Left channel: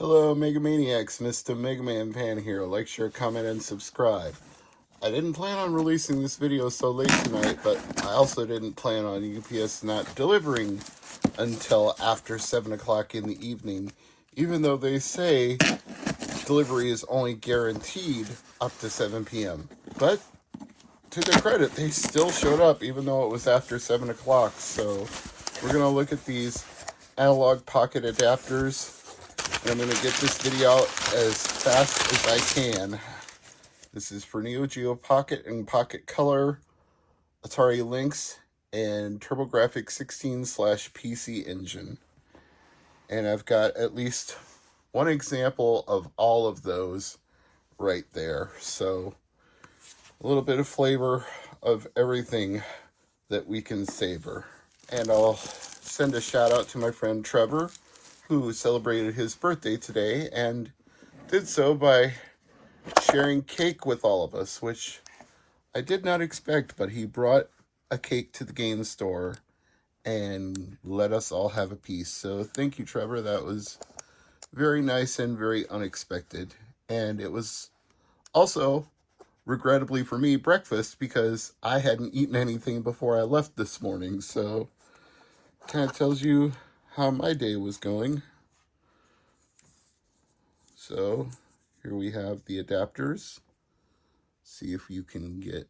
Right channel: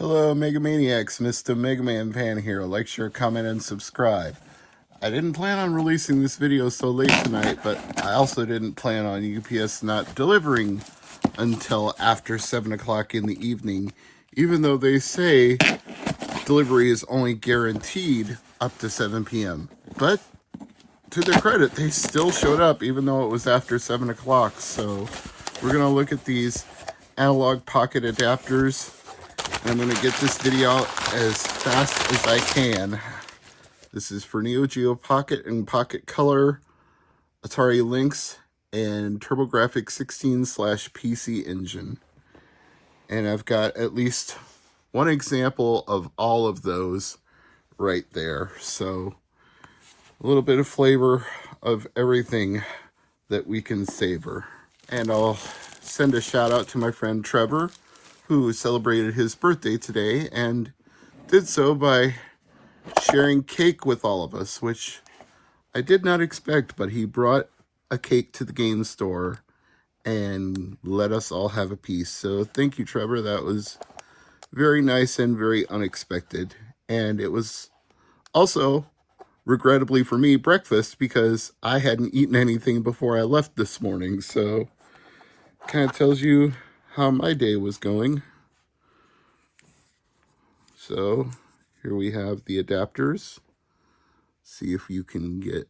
Hello Megamaniacs, Mr. MegaManFan here. Like, share, comment, and subscribe. I didn't plan on releasing this video so late tonight, but I also didn't plan on UPS not delivering until after 7 o'clock in the evening, even though they say delivery is only guaranteed up to 7 p.m. But to their credit, they still showed up even though it was after 7 o'clock. So we're going to look at these Analogue Pocket adapters. I'm going to get this video out as fast as I can. This is for Geo Pocket and Pocket Color, Atari Lynx, and TurboGrafx 16/PC engine. And I've got at least one example of all of those right there. So a little bit of flavor of everything that we can savor. And I'll send a shout out to my friend Trevor, who celebrated his birthday today and did so by sharing cake with all of us, which I did not expect, but he brought a cake to the game store and let us all have a piece. So thank you, Trevor. That was very nice and very unexpected. And it was also, regrettably for me, breakfast, because I hadn't eaten anything before I left this morning. So kind of tells you how my day was going. So here we have the adapters. See if you can get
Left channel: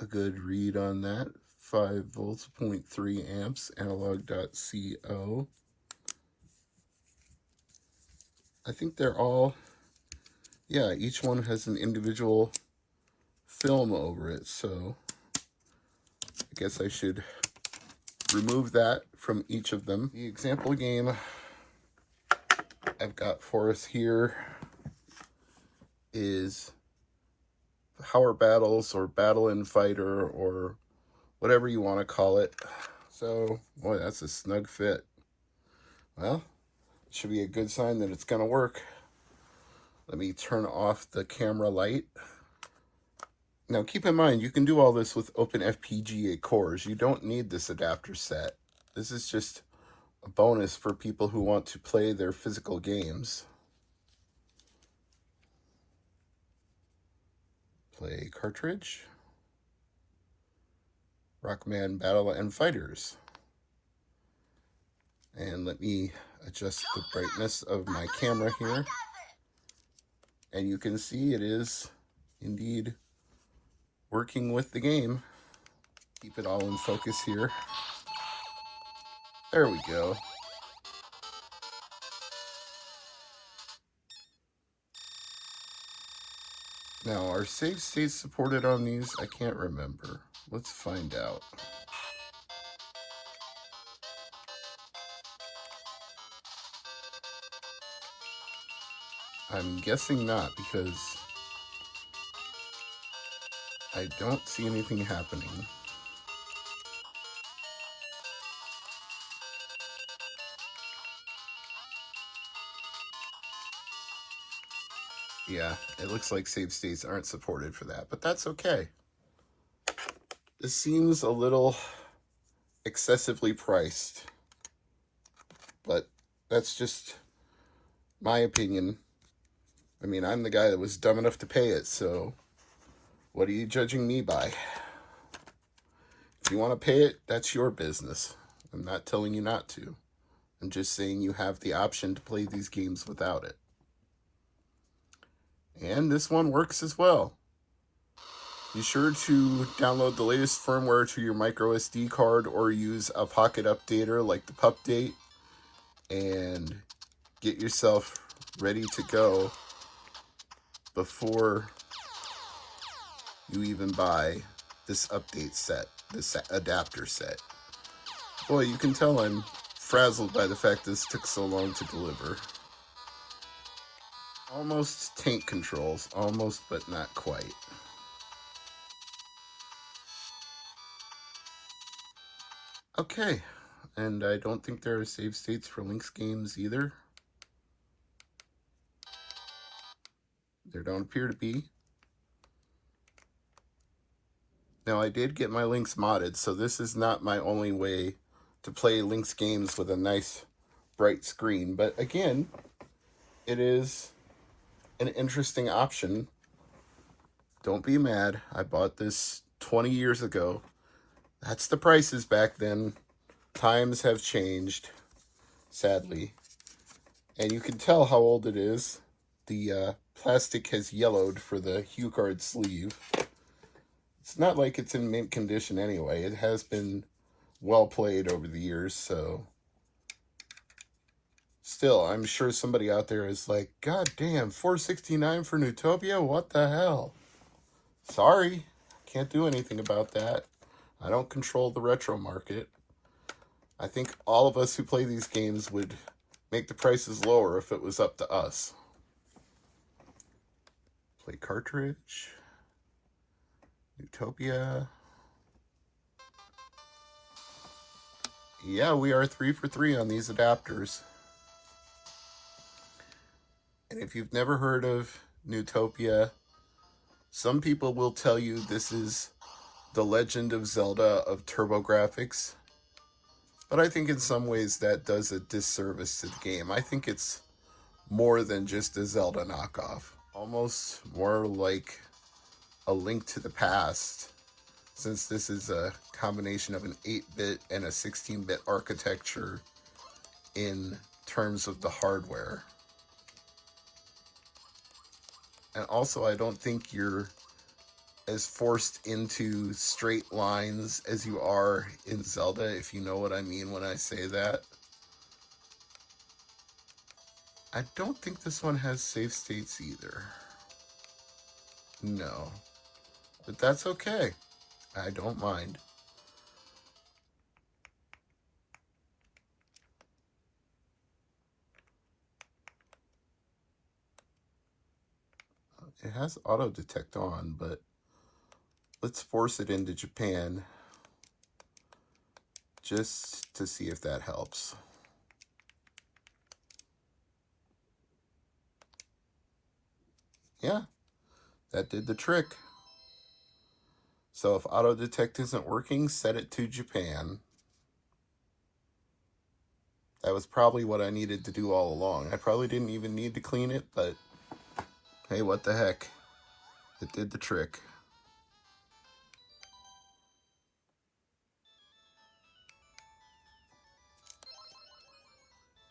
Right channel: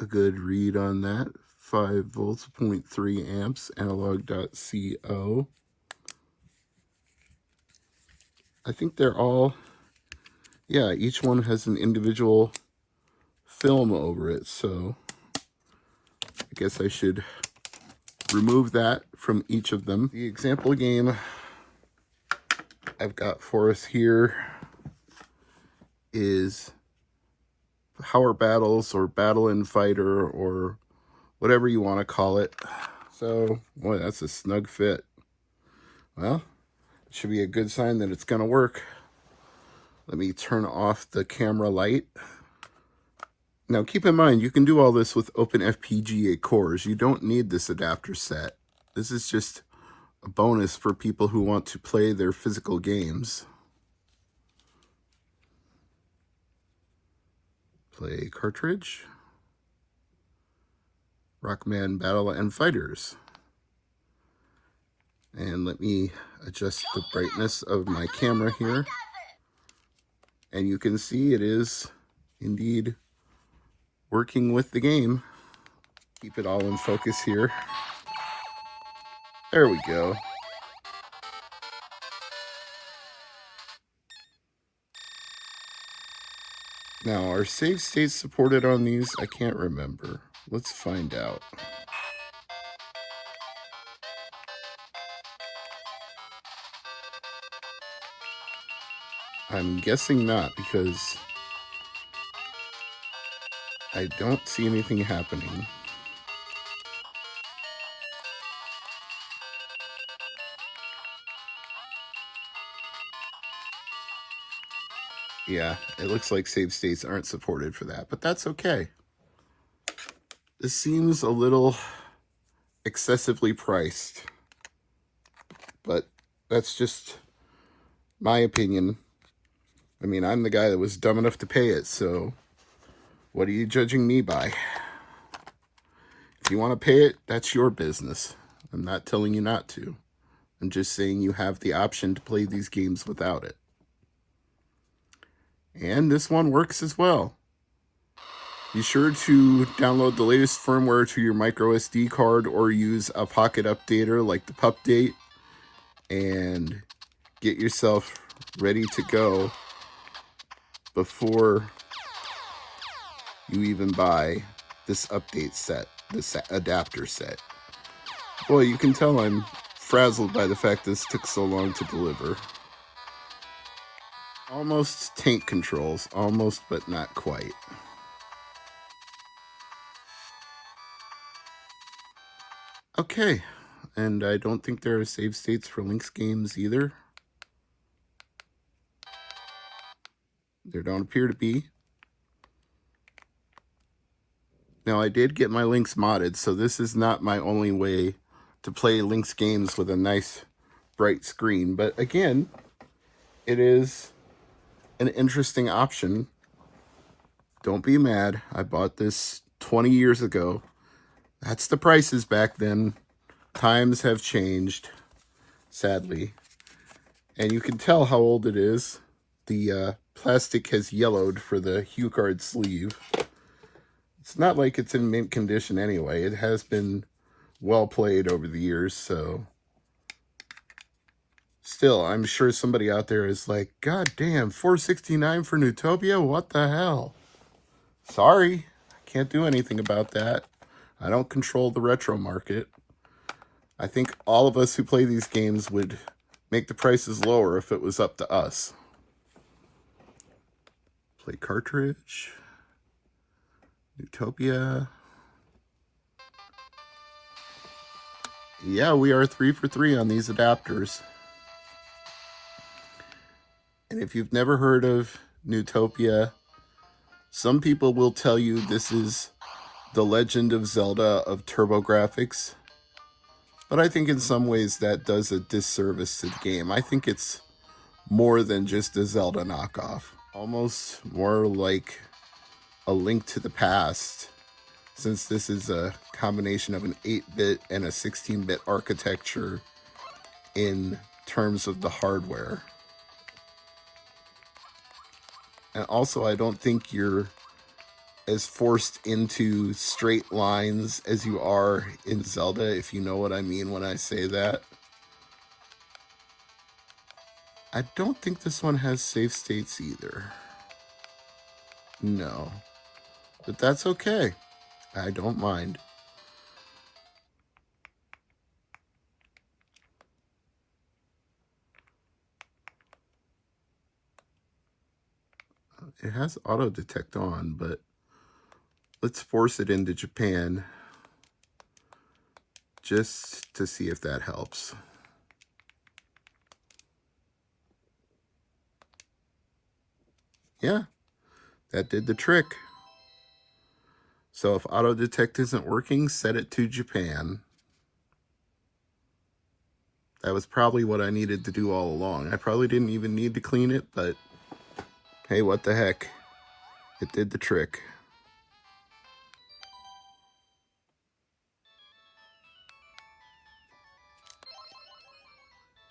a good read on that. 5 volts, 0.3 amps, Analogue.co. I think they're all, yeah, each one has an individual film over it. So I guess I should remove that from each of them. The example game I've got for us here is Power Battles, or Battle and Fighter, or whatever you want to call it. So, boy, that's a snug fit. Well, it should be a good sign that it's going to work. Let me turn off the camera light. Now, keep in mind, you can do all this with open FPGA cores. You don't need this adapter set. This is just a bonus for people who want to play their physical games. Play cartridge. Rockman Battle and Fighters. And let me adjust the brightness of my camera here. And you can see it is indeed working with the game. Keep it all in focus here. There we go. Now, are save states supported on these? I can't remember. Let's find out. I'm guessing not, because I don't see anything happening. Yeah, it looks like save states aren't supported for that, but that's okay. This seems a little excessively priced, but that's just my opinion. I mean, I'm the guy that was dumb enough to pay it, so what are you judging me by? If you want to pay it, that's your business. I'm not telling you not to. I'm just saying you have the option to play these games without it. And this one works as well. Be sure to download the latest firmware to your micro SD card, or use a pocket updater like the Pupdate, and get yourself ready to go before you even buy this update set, this adapter set. Boy, you can tell I'm frazzled by the fact this took so long to deliver. Almost tank controls, almost, but not quite. Okay, and I don't think there are save states for Lynx games either. There don't appear to be. Now, I did get my Lynx modded, so this is not my only way to play Lynx games with a nice bright screen. But again, it is an interesting option. Don't be mad. I bought this 20 years ago. That's the prices back then. Times have changed, sadly. And you can tell how old it is. The plastic has yellowed for the HuCard sleeve. It's not like it's in mint condition anyway. It has been well played over the years, so still, I'm sure somebody out there is like, God damn, $4.69 for Neutopia? What the hell? Sorry, can't do anything about that. I don't control the retro market. I think all of us who play these games would make the prices lower if it was up to us. Play cartridge. Neutopia. Yeah, we are 3 for 3 on these adapters. And if you've never heard of Neutopia, some people will tell you this is the Legend of Zelda of TurboGrafx. But I think in some ways that does a disservice to the game. I think it's more than just a Zelda knockoff. Almost more like a Link to the Past, since this is a combination of an 8-bit and a 16-bit architecture in terms of the hardware. And also, I don't think you're as forced into straight lines as you are in Zelda, if you know what I mean when I say that. I don't think this one has save states either. No. But that's okay. I don't mind. It has auto detect on, but let's force it into Japan just to see if that helps. Yeah, that did the trick. So if auto detect isn't working, set it to Japan. That was probably what I needed to do all along. I probably didn't even need to clean it, but hey, what the heck? It did the trick.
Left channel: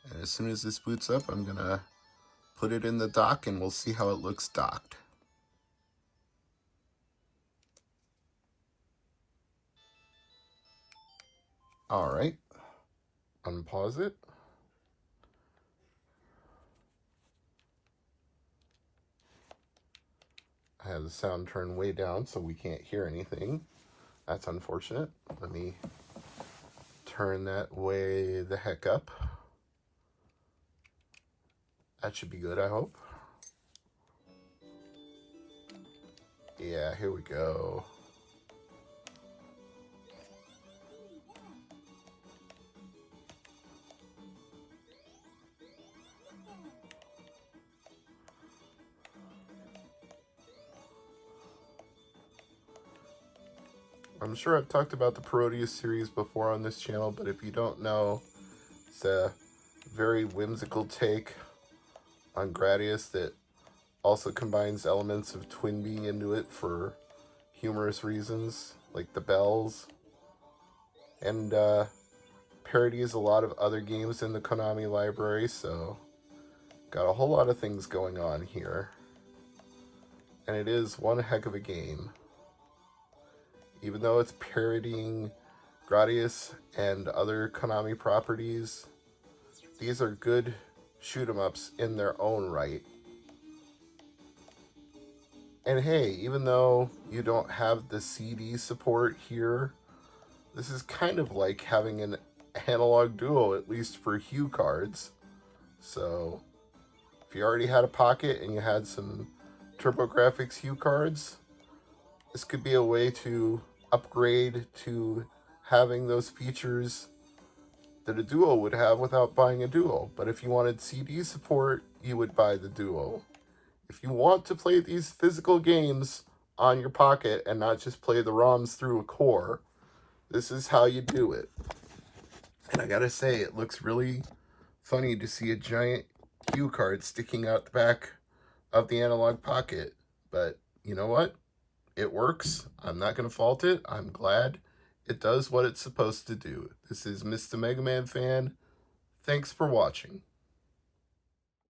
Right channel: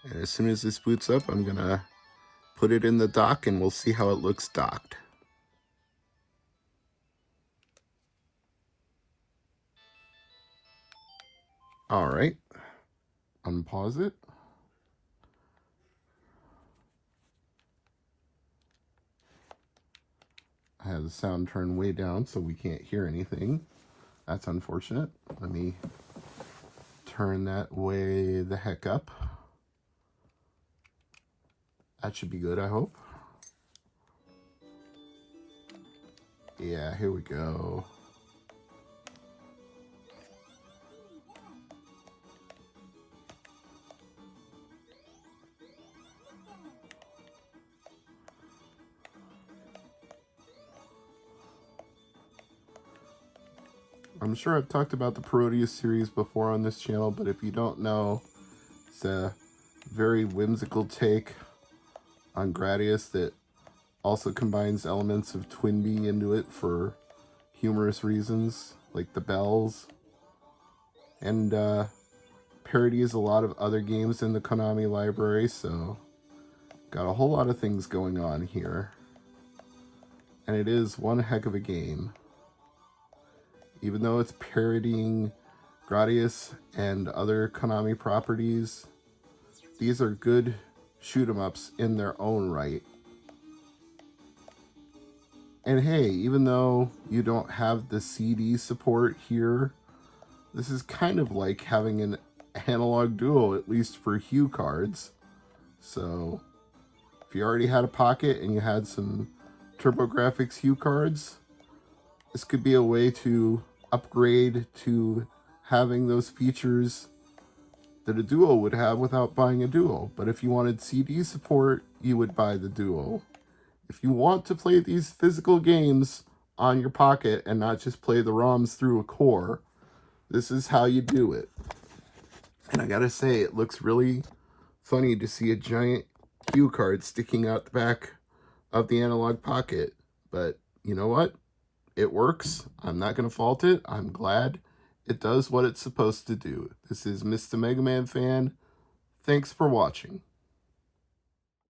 And as soon as this boots up, I'm gonna put it in the dock and we'll see how it looks docked. All right, unpause it. I have the sound turned way down so we can't hear anything. That's unfortunate. Let me turn that way the heck up. That should be good, I hope. Yeah, here we go. I'm sure I've talked about the Parodius series before on this channel, but if you don't know, it's a very whimsical take on Gradius that also combines elements of Twinbee into it for humorous reasons, like the bells, and parodies a lot of other games in the Konami library, so got a whole lot of things going on here. And it is one heck of a game. Even though it's parodying Gradius and other Konami properties, these are good shoot-em-ups in their own right. And hey, even though you don't have the CD support here, this is kind of like having an Analogue Duo, at least for HuCards. So, if you already had a Pocket and you had some TurboGrafx HuCards, this could be a way to upgrade to having those features that a Duo would have without buying a Duo. But if you wanted CD support, you would buy the Duo. If you want to play these physical games on your Pocket and not just play the ROMs through a core, this is how you do it. And I gotta say, it looks really funny to see a giant cue card sticking out the back of the Analogue Pocket. But you know what? It works. I'm not going to fault it. I'm glad it does what it's supposed to do. This is Mr. MegaManFan. Thanks for watching.